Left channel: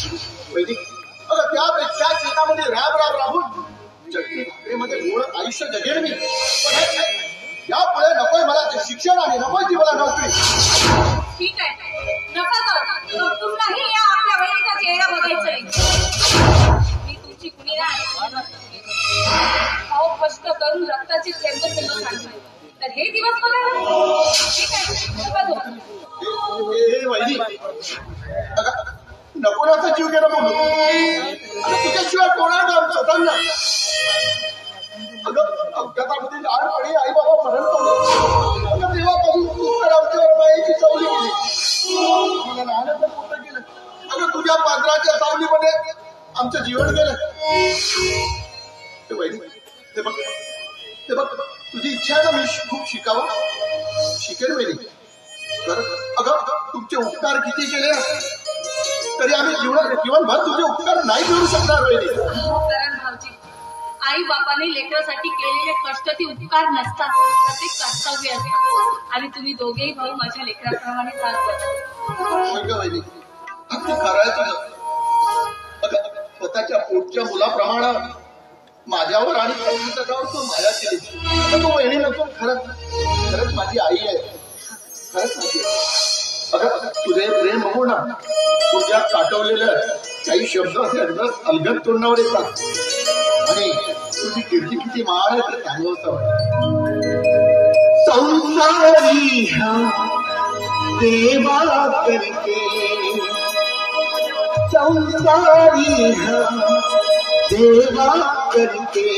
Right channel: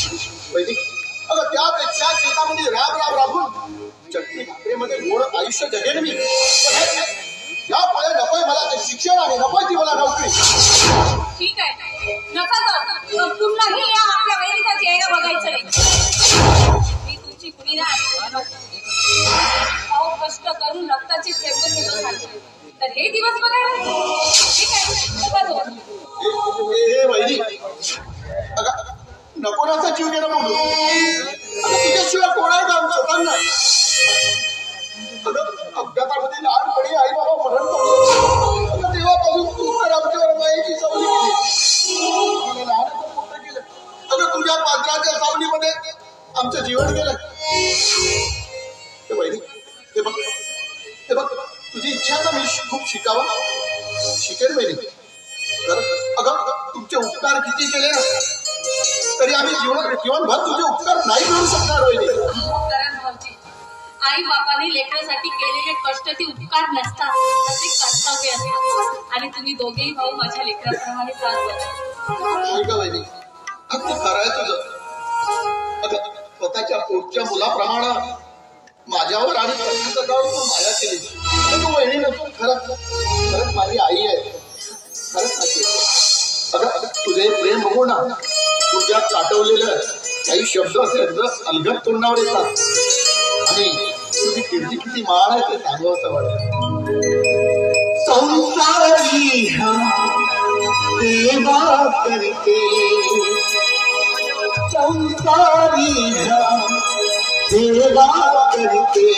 अगं त्यापेक्षा शेतामध्ये राबून चटणी भाकरीमध्ये गोड आयुष्य जगेल मी. यापुढे नकोय मला ते शिक्षण आणि नकोय ती मला नोकरी. ठीक आहे, नका जाऊ. तुलाही या आपल्या वहिनीचा चेहरा बघायचा नाही. मी तुमची कुणी नाही. अहो कष्ट करून रक्ताची थेंब थेंब सांगते तर हे दिवस बघा. ठीक आहे, नका जाऊ. वहिनी नको असा जीव गेला मग तुझ्याशिवाय कोणा काम स्वतःला. अपघातामध्ये लहानपणी आई बाबा मरण पडले. तेव्हापासून तू तर आमच्यावर माईची सावली केली. मला लहानपण मोठं केलं. अगं तुझ्या पात्राच्या सावलीमध्ये आमचं जीवन गेलं. वहिनी ते बघ तुझी इच्छा आहे ना मी खूप शिकावं. शिकेल वहिनी. अगं तुमचे उपकार किती केले तरी आम्ही जीवनभर तुझे उपकार नाही करू शकणार. भाऊजी, आई बापाने लेकरासाठी केलेले कष्ट ते उपकार नसतात तर ते कर्तव्य असतात. आणि तुम्ही दोघेही भाऊ माझ्या लेकराप्रमाणे त्रास देता. अगदी खरं आहे तुझं. स्वतःच्या पोटच्या मुलाप्रमाणे माझ्यावर आणि तू माया केली. तू वहिनी नसून खरंच माझी आई आहे. खरंच माझी. अगं तुझे प्रेम बघू ना तुझ्या साठवलेलं काही शब्द असे अलगद तोंडावर येतात आणि तुझी कीर्ती किती मान आहे ते सांगावं असं वाटतं. संसारी देवा करते संसारी देवा करते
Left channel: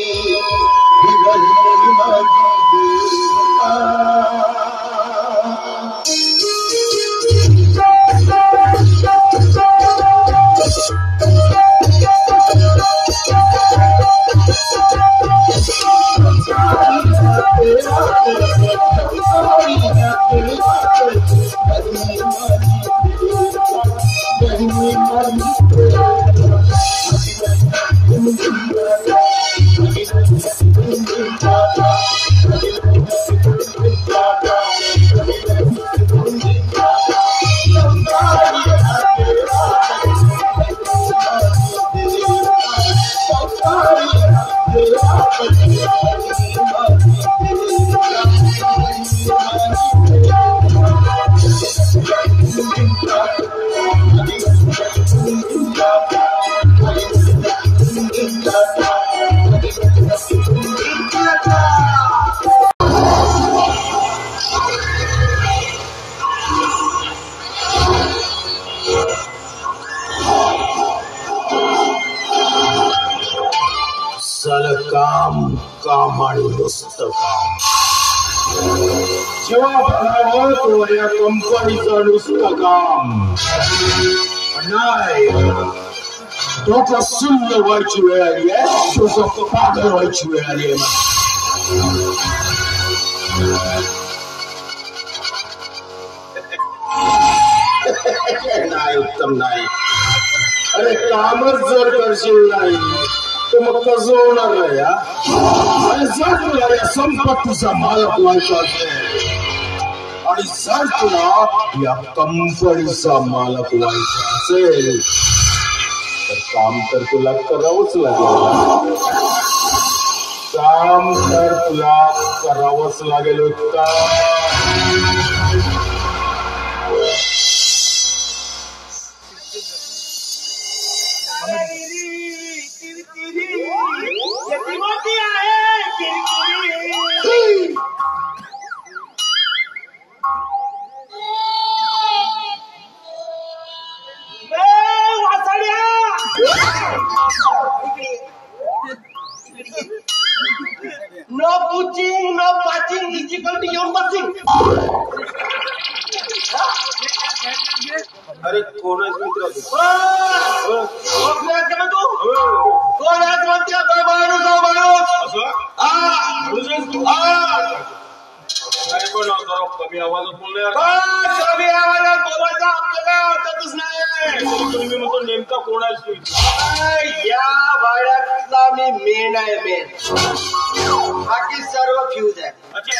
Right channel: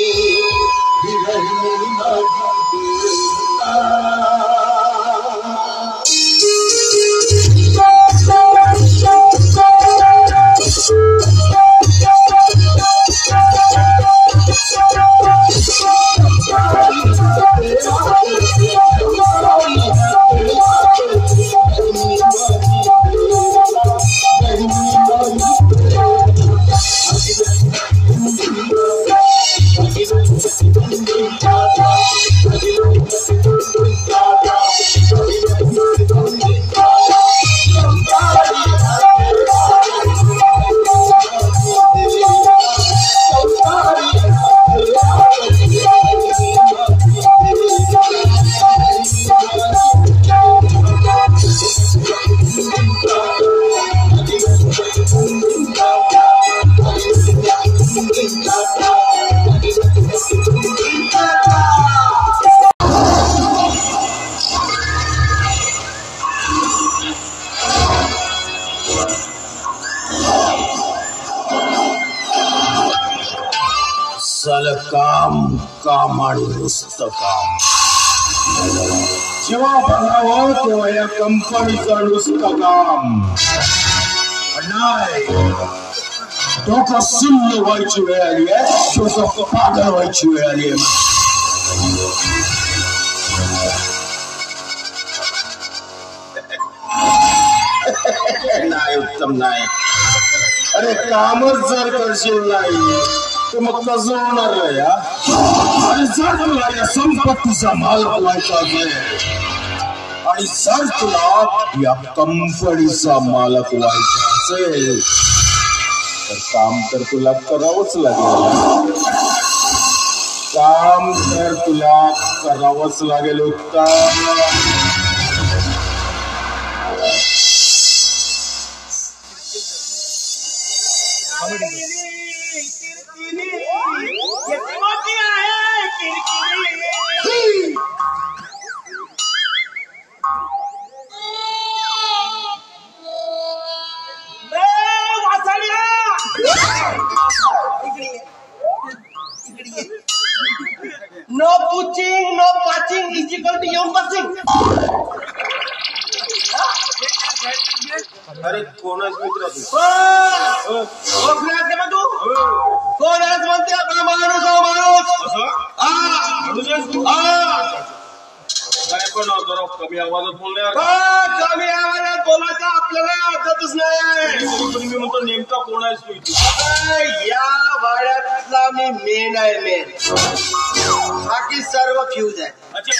काम आणि नुसतं काम. जेव्हा बघावं तो या कंपनीचं नुसतं काम. नाही डोकं शून्य व्हायची वेळ आली आहे. डोकं पागल व्हायची वेळ आली आहे. नाही उत्तम नाही. अरे कामच जर करशील नाही तर मग कसं होणार या. आणि जर तुला या संपत्तीचा मालक व्हायचा असेल आणि जर तुला या कंपनीचा मालक व्हायचा असेल तर काम तर तुला करावंच लागेल. काम तर तुला करावंच लागेल. उत्तम नो पूचिंग नो पाचिंग हिची कोणती घेऊन बसिंग. अरे कोणाच मित्र तू कोणाच म्हणते माणूस काय पण जरा कमी आवाजात बोलणार. कमी आवाजात बोलायचं आपल्याला आदतच नाही. तुम्ही म्हणतो नेमका कोण आहेस तू? या भाड्यातला मी मेन आहे. मेन बाकी सर्व फ्यूज आहे. अच्छा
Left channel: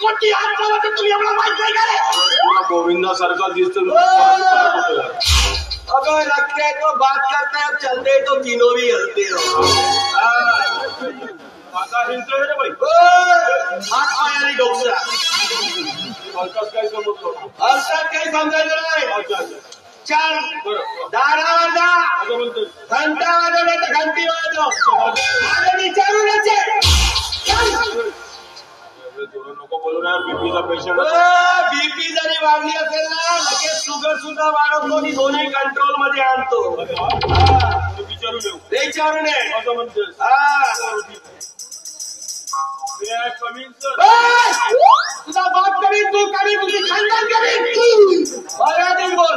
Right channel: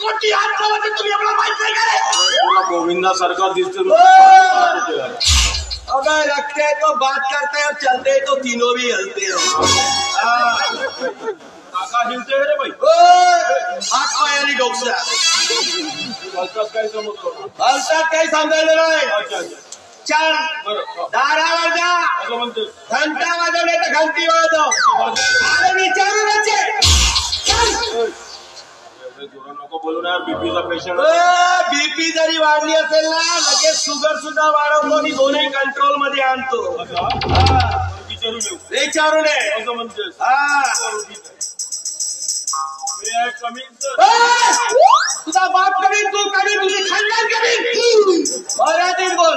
कोटी हात तुम्ही एवढा माहित नाही का रे? गोविंदासारखा दिसतो. अबे रखते तो बात करते हैं, चलते तो तीनों भी हलते हो. काका हिंदू रे भाई. हात पायाने डोकसा हलकाच काय समजतो. हलकात काही सांगायचं नाही. अच्छा अच्छा. छान बरं. दारावर जा, असं म्हणतो. घंटा वाजव नाही तर घंटी वाजव. अरे विचारूनच ये. नको बोलू ना. बीपीचा पेशंट. बीपी जरी वाढली असेल ना, लगेच शुगर सुद्धा वाढवतो आणि दोन्ही कंट्रोल मध्ये आणतो. विचारू घेऊ. विचारू नये. असं म्हणतेस. तुझा बाप कमी, तू कमी, तुझी खानदान कमी. मराठीत बोल.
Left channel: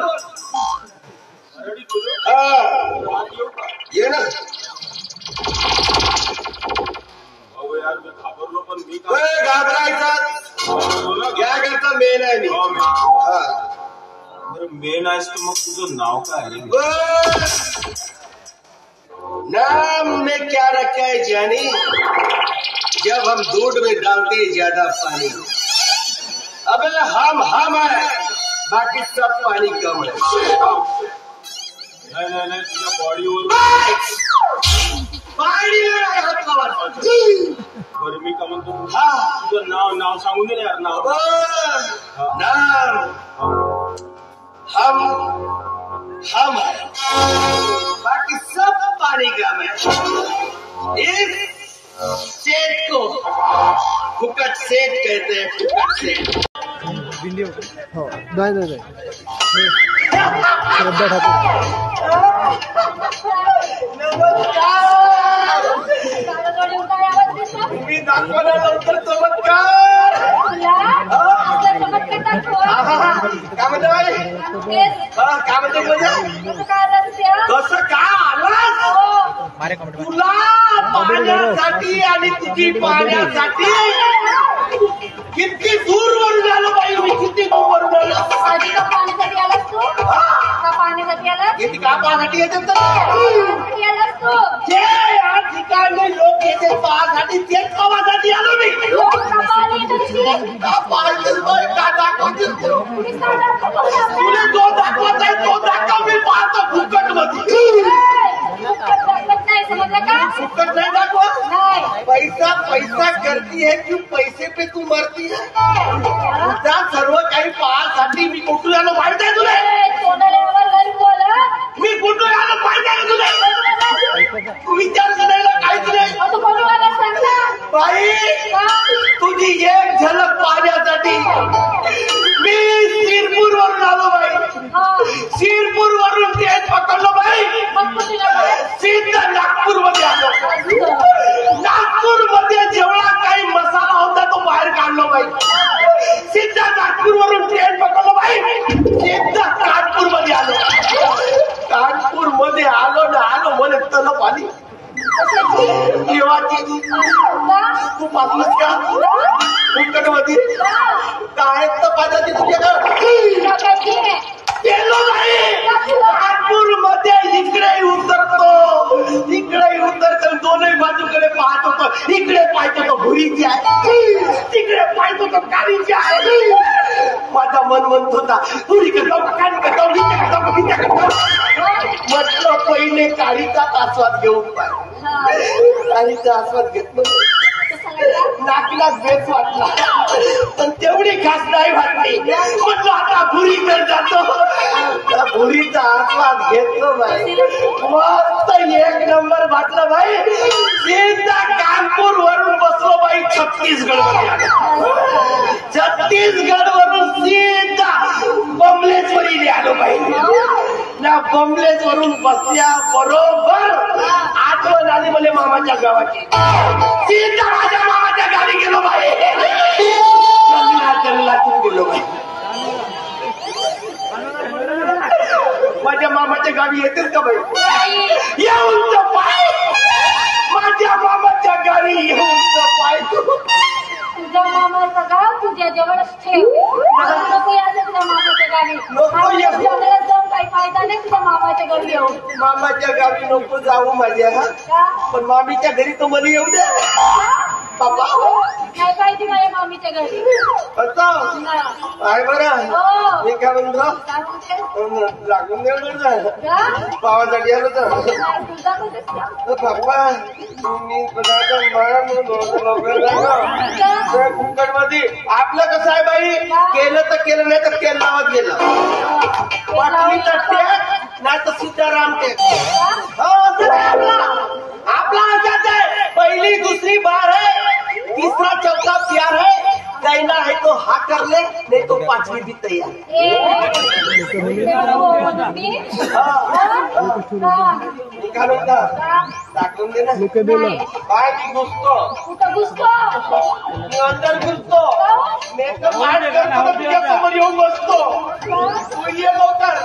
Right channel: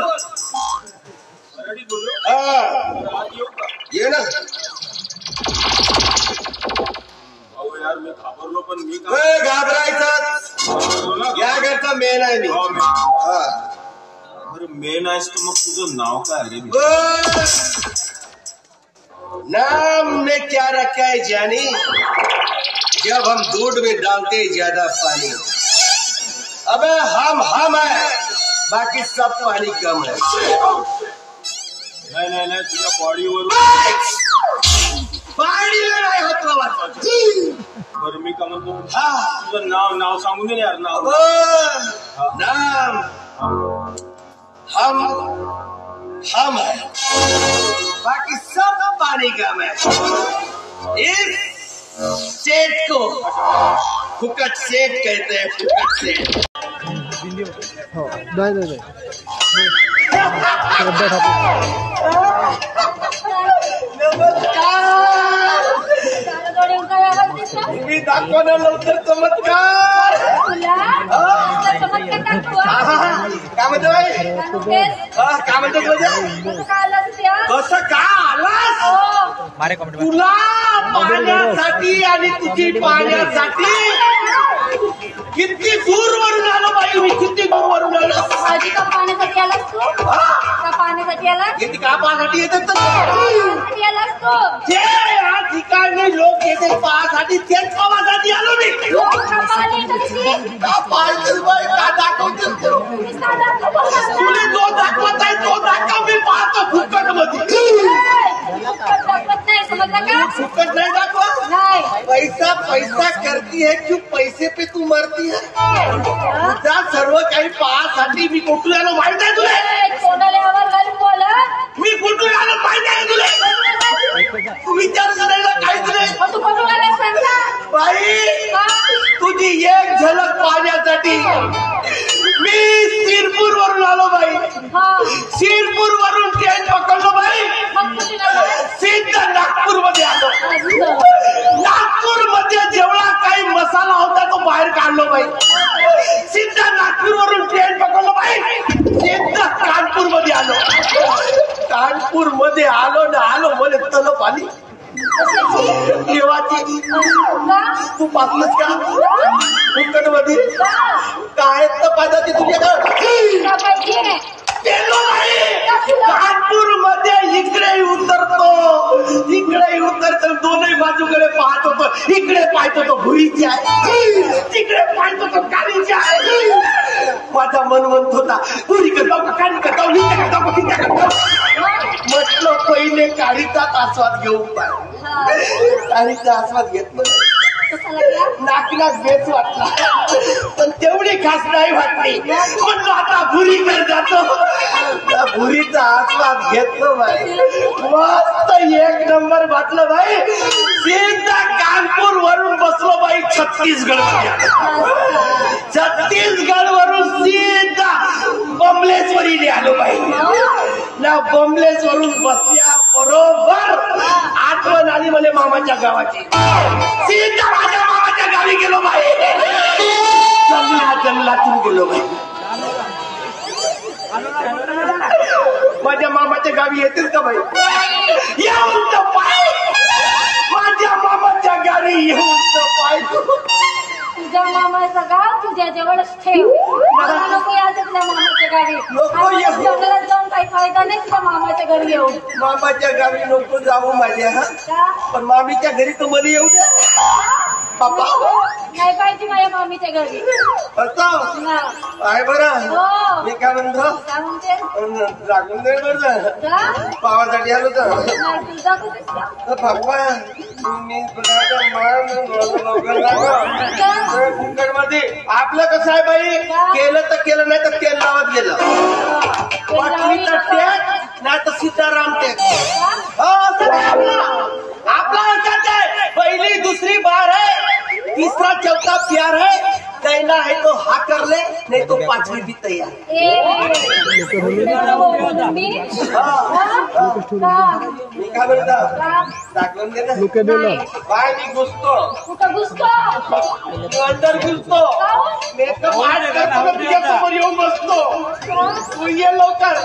मराठीत बोलू. आज येऊ का? ये ना. भाऊ यार मी घाबरलो पण मी घाबरायचं या घरचा मेन आहे मी. बरं मेन आहेस की मग तुझं नाव काय रे? नाम ने क्या रखा है जानी, जब हम दूध में डालते ज्यादा पानी. अबे हम है, बाकी सब पानी कम है. नाही नाही नाही तुझ्या बॉडीवर. पाणीला नाही हात लावायचा. बरं मी का म्हणतो. हा तुझं नाव सांगून दे यार. नाव नाम हम है, बाकी सब पानी कम है. इस सेठ को फुकट सेठ कहते हैं. फुकट सेठ. हो नाही श्रद्धा ठाकूर. तुम्ही दाखवा ना लवकर चमत्कार. काय म्हणतो काय म्हणतो कसं का आलास तुला पाण्यासाठी आणि तुझी पाण्यासाठी किती दूर वरून आलो बाई मी. किती दूर वरून आलो. किती का पाण्यासाठी येतात ते या ठिकाणी लोक येते पाहासाठी. तेच पावासाठी आलो मी. तुला जो दाखवत आहे तो दाखव. मी पाहतो फुकट मध्ये. फुकट नाही दाखवत. पैसा पैसा करती है कि पैसे पे तू मरती है. तुझा सर्व काही पाहासाठी मी कुठून आलो माहित आहे तुला. मी कुठून आलो माहित आहे तुला. तू विचार करायला काय तुला. बाई तुझी एक झलक पाहण्यासाठी मी शिरपूर वरून आलो बाई. शिरपूर वरून ट्रेन पकडलो बाई. सीधा नागपूर मध्ये आलो. नागपूर मध्ये जेवढा काही मसाला होता तो बाहेर काढलो बाई. सीधा नागपूर वरून ट्रेन पकडलो बाई. सीधा कानपूर मध्ये आलो. कानपूर मध्ये आलो ना आलो मला तलप आली. देवाची तू पाहतलंस का फुकट मध्ये काय तपासाची तुझ्याकडे. कानपूर मध्ये इकडे उतरतो दोन्ही बाजूकडे पाहतो पण इकडे पाहतो तो भुईची आहे, तिकडे पाहतो तो काळीची आहे. माझा मन म्हणत होता पुरीकडे जाऊ काळी जाऊ म्हटलं पहिले काळीचाच आस्वाद घेऊन पाहिजे. काळीचा आस्वाद घेतलं नाकीला बेस वाटला पण तेवढी खास नाही वाटली. म्हणलं आता भुरीकडे जातो. त्या भुरीचा आस्वाद घेतलं बाई. मस्त एक नंबर वाटलं बाई. सीधा कानपूर वरून बसलो बाई छत्तीसगड. छत्तीसगड वरून सीधा बमलेश्वरीने आलो बाई. ना बमलेश्वरून बसल्या बरोबर आठवण आली मला मामाच्या गावाची. सीधा माझ्या मामाच्या गावी गेलो बाई. जंगलातून गेलो बाई. माझ्या मामाच्या गावी येतेच का बाई. येऊन तर पाय. माझ्या मामाच्या गावी येऊन तर पाय. तुझ्या मामाचं गाव तुझ्या जवळच ठेव. नको यायचं तुझ्या मामाच्या गावी. जाऊन काही फायदा नाही तुझ्या मामाच्या घरी येऊन. मामाच्या गावी नको जाऊ माझ्या. पण मामीच्या घरी तर मला येऊ द्या. पप्पा काय पाहिजे माझ्या मम्मीच्या घरी? असं हा. आहे बरं. हो. मी काय म्हणतो काय म्हणते? लागून दे बरं. जा. पावासाठी आलो तर नाही, तुझा कुठे असला? तर भगवान तुम्ही मध्ये आपलं कसं आहे बाई, केलं तर केलं नाही तर केलं लावत गेलं. वाटली तर टेक नाही तर सीताराम टेक. आपला अंदाज आहे, पहिली दुसरी बार है, तीसरा चौथा प्यार है. कहना है तो हा कर ले, नहीं तो पांचवी भी तैयार. निकालो ना टाकून दे ना. बाय मी घुसतो अंदर घुसतो मेकअप येऊन बसतो. तू ये लवकर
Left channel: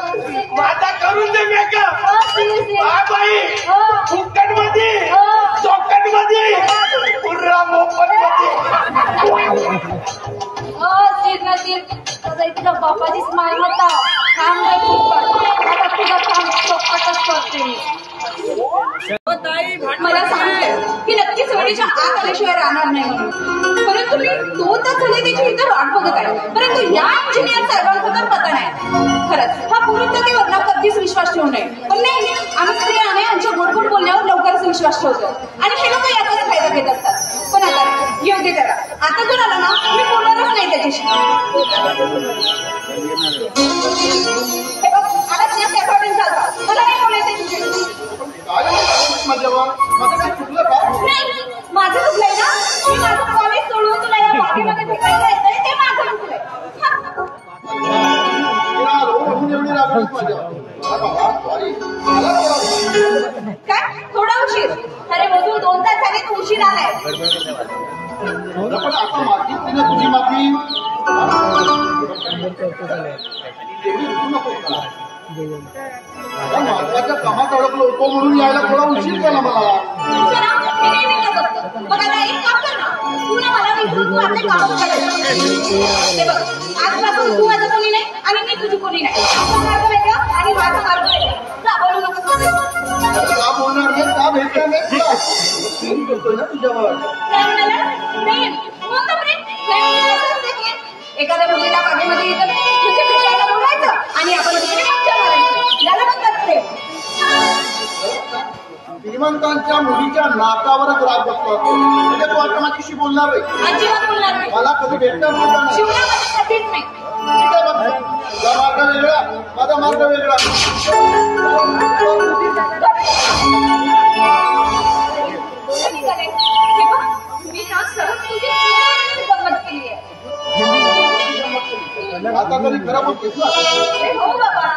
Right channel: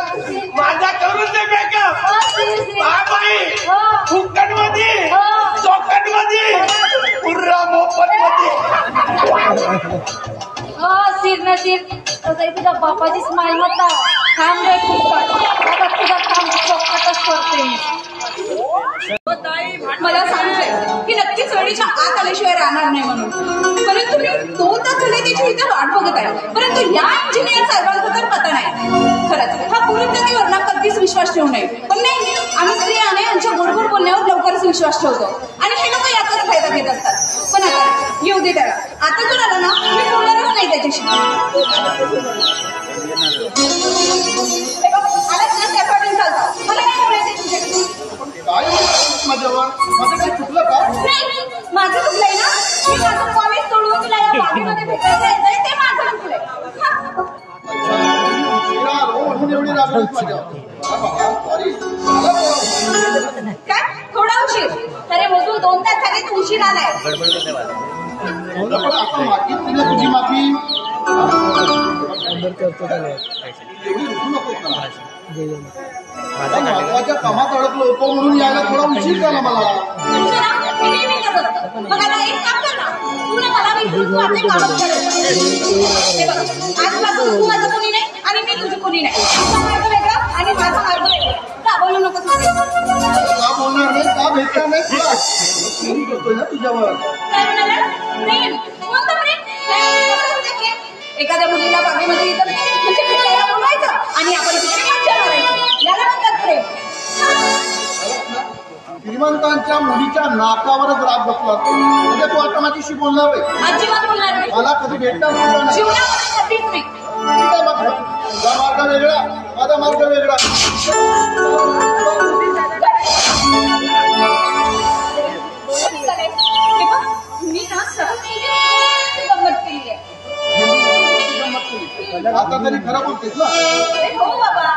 माझा करून दे मेकअप. बाय बाई फुकट मध्ये चौकट मध्ये पुर्रा मोफत तुझ्या बापाची स्माईल होता. मला सांगते की नक्कीच वेळेच्या आत आल्याशिवाय राहणार नाही म्हणून. परंतु मी 2 तास झाले त्याची इथे वाट बघत आहे. परंतु या इंजिनियर साहेबांचा तर पता नाही. खरंच हा पुरुष जाती वरनं कधीच विश्वास ठेवू नये. पण नाही, आम्ही स्त्रियाने आमच्या बरोबर बोलण्यावर लवकरच विश्वास ठेवतो आणि हे लोक याचाच फायदा घेत असतात. पण आता येऊ दे त्याला. आता जर आला ना मी बोलणारच नाही त्याच्याशी. मला काय बोलायचं तुझ्याशी? काय माझ्यावर माझं काही चुकलं का? माझं चुकलंय ना. मी माझं कॉलेज सोडून तुला या हॉबीमध्ये भेटायला जायचंय ते माझं चुकलंय. उशिरा आलो म्हणून एवढी रागवलीस माझ्यावर. काय थोडा उशीर? अरे मोजून 2 तास झाले तू उशीर आलाय. पण आपण मागितली ना तुझी माफी. महत्वाच्या कामात अडकलो होतो म्हणून यायला थोडा उशीर झाला मला. मी नेहमी करत असतो. मग आता एक काम कर ना, तू ना मला विसरून माझे काम कर. हे बघ, आजपासून तू माझं कोणी नाही आणि मी तुझी कोणी नाही. तुझं मार्ग वेगळं आणि माझा मार्ग वेगळा. का बोलू नकोस तू? का बोलणार नाही, का भेटणार नाही तुला? प्रेम करतोय ना तुझ्यावर. काय म्हणाला? प्रेम? कोणतं प्रेम? एखाद्या मुलीला बागेमध्ये येतं तुझ्या पिल्लाला बोलायचं आणि आपण मज्जा करायची. याला म्हणतात प्रेम. श्रीमंतांच्या मुलीच्या नाकावरच राग बसला. म्हणजे तू आता माझ्याशी बोलणार आहे. अजिबात बोलणार नाही. मला कधी भेटणार सुद्धा नाही. जीवनात खात्रीच नाही. काय बघ, तुझा मार्ग वेगळा, माझा मार्ग वेगळा. मी ना सडक तुझी गंमत केली आहे. आता तरी खराब होतीस ना. हो बाबा.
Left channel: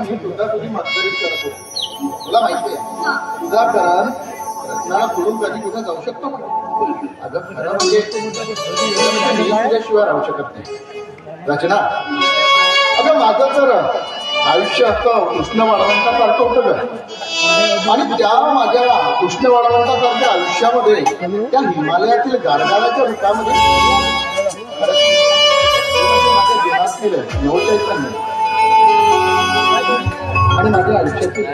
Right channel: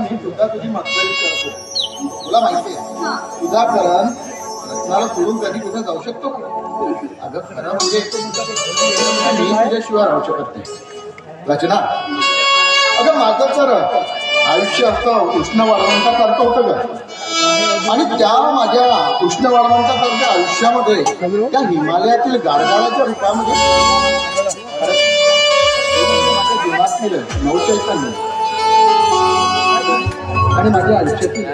मी तुझा तुझी म्हातारी करतो. तुला माहितीये तुझा करण रत्नाला सोडून कधी कुठे जाऊ शकतो. अगं खरं म्हणजे तुझ्याशिवाय राहू शकत नाही. रचना, अगं माझं तर आयुष्य असतं उष्ण वाढवंता करतो होतं का. आणि त्या माझ्या उष्ण वाढवंतासारख्या आयुष्यामध्ये त्या हिमालयातील गारगाळ्याच्या विटामध्ये आणि माझ्या आयुष्यातील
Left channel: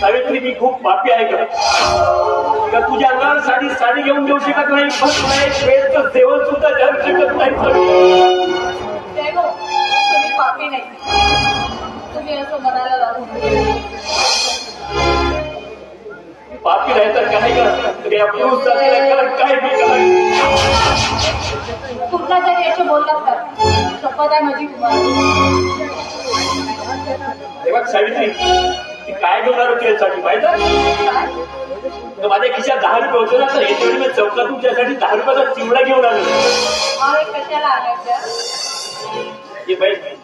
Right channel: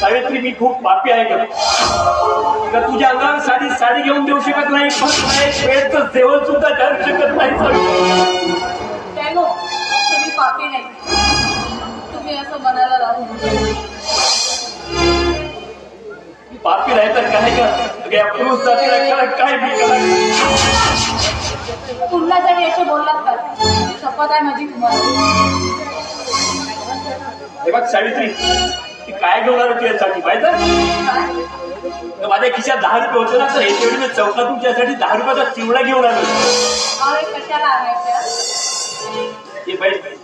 सावित्री मी खूप पापी आहे का तर तुझ्या अंगासाठी साडी घेऊन देऊ शकत नाही श्वेतचं सेवन सुद्धा करू शकत नाही तुम्ही पापी नाही तुम्ही असं म्हणायला लागू पापी नाही तर काय केलं काय तुमच्यासाठी अशी बोलत का शपथ आहे माझी तुम्हाला हे बघ सावित्री ती काय घेणार तुझ्यासाठी माहिती माझ्या खिशात 10 रुपये होते ना तर एक वेळी मी चौकात तुमच्यासाठी 10 रुपयाचा चिवडा घेऊन आलो कशाला आलाय हे पाहिजे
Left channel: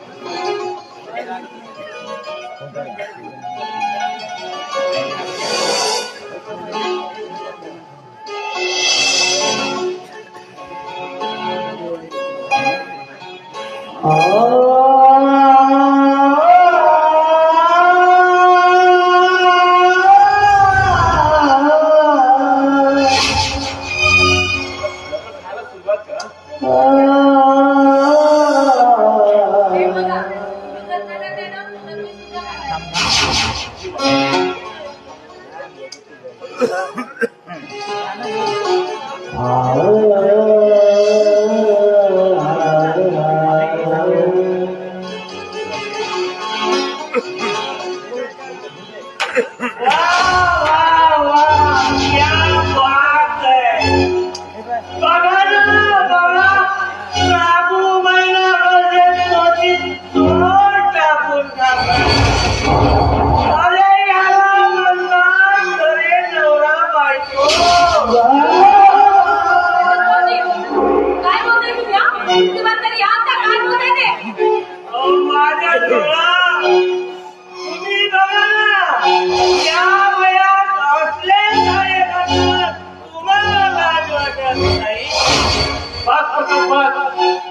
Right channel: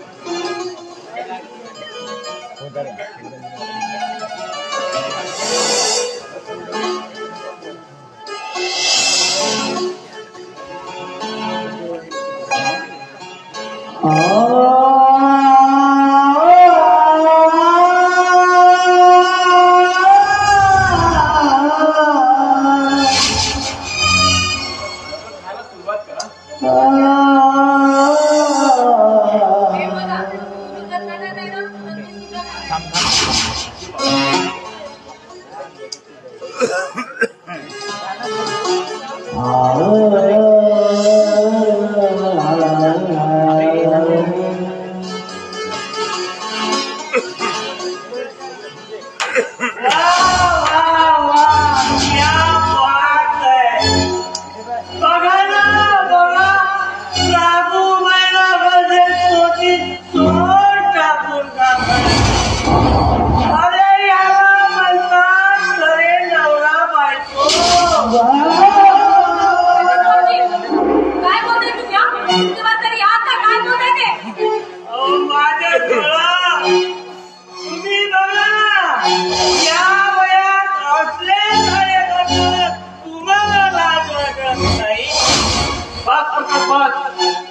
बास प्रकाश बास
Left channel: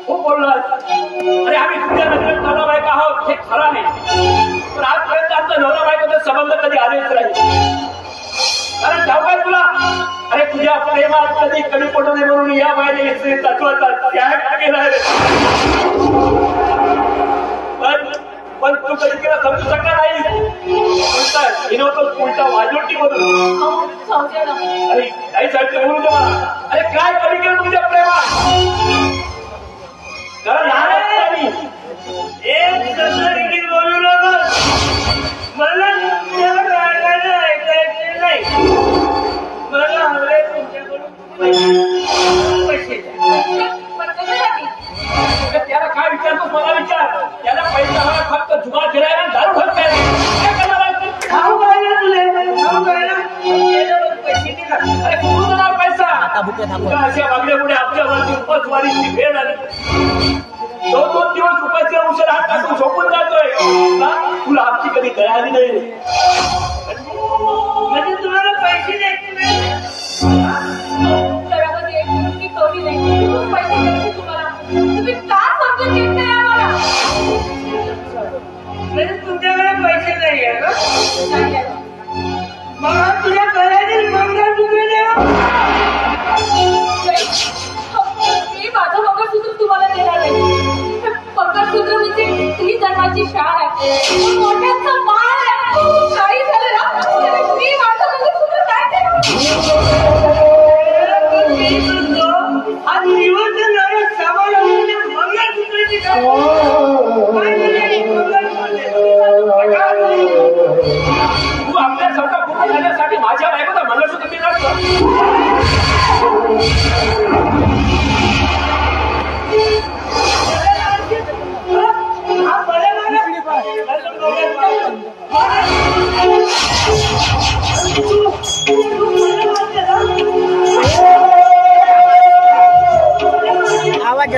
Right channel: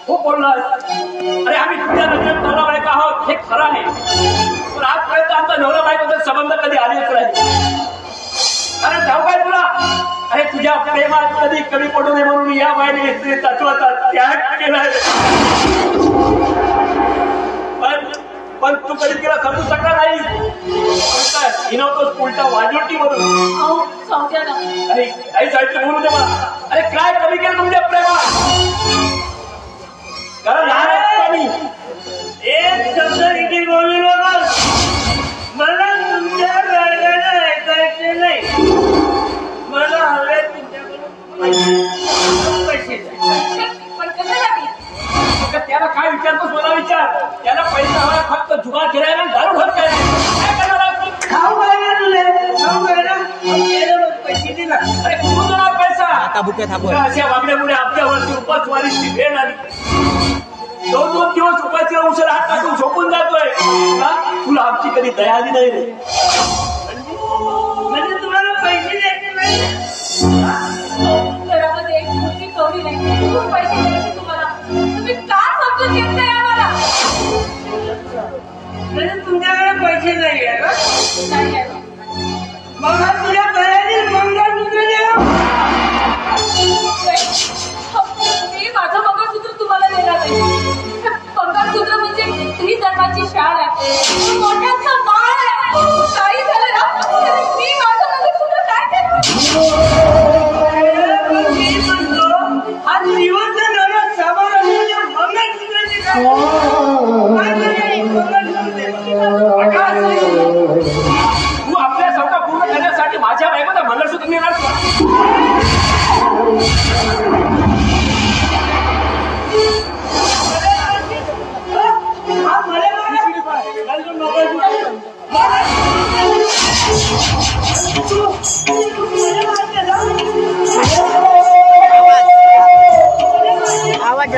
खूप बोललास. अरे आम्ही तुझ्या नजरेत नवरा बायका आहोत हे खरं आहे, पण आजपर्यंत आमचा नवरा बायकोचा संबंध कधी आलेच नाही. अरे ठाऊक आहे तुला, अरे तुझ्या प्रेमात कधी कमी पडू नये म्हणून या बाईने स्त्री तत्वाचा त्याग केला. पण तू कधी तिला समजू शकला नाही. हिनवतोच उलटा वाजवटी म्हणून. अरे काही साईडचं बोलू दे मला. अरे काय कमी केलं तुझ्या प्रेमात? कारण लहान एक शब्द देखील बोलू नको. मला तुमच्या गाण्याला ऐकायचे नाही. मला हवे तुमच्याकडून पैसे. त्याला काय विचारतोस मला विचार. त्याला पैसा हवा फक्त जुगार खेळायला दारू घाल काय पैसे दिला. अरे कुठून पैसा? अशा मागण्यामुळे आपल्यावरती उपासवारीची भेट आली. 2-2 दिवस उपाशी औषध हात टाकून झोपून जातोय. तुला आमची कधी दया आली नाही रे. म्हणजे तुम्हाला पैसे द्यायचे नाही. घरामध्ये एक मुलगी कवडी नाही, खूप पैसे द्यायचे तुम्हाला. तुम्ही का समजून घेत नाही आम्हाला? म्हणजे तुमच्याकडे पैसे नाही आहे ना? मग तुझ्या गळ्यातील मंगळसूत्र द्या. मी माझं मंगळसूत्र तुम्हाला देणार नाही. मंगळसूत्र म्हणजे स्त्री धर्माची शाळ आहे, मोठ्यांचा माळ आहे. काही झालं ना मी माझं मंगळसूत्र काय देणार? मी म्हणतो आज निवंत नावा सामान असलेल्या मंगळसूत्राची तू आपल्या स्वतः पूर्ण करण्यासाठी माझ्या बायकोला मंगळसूत्र मिळणार आवाज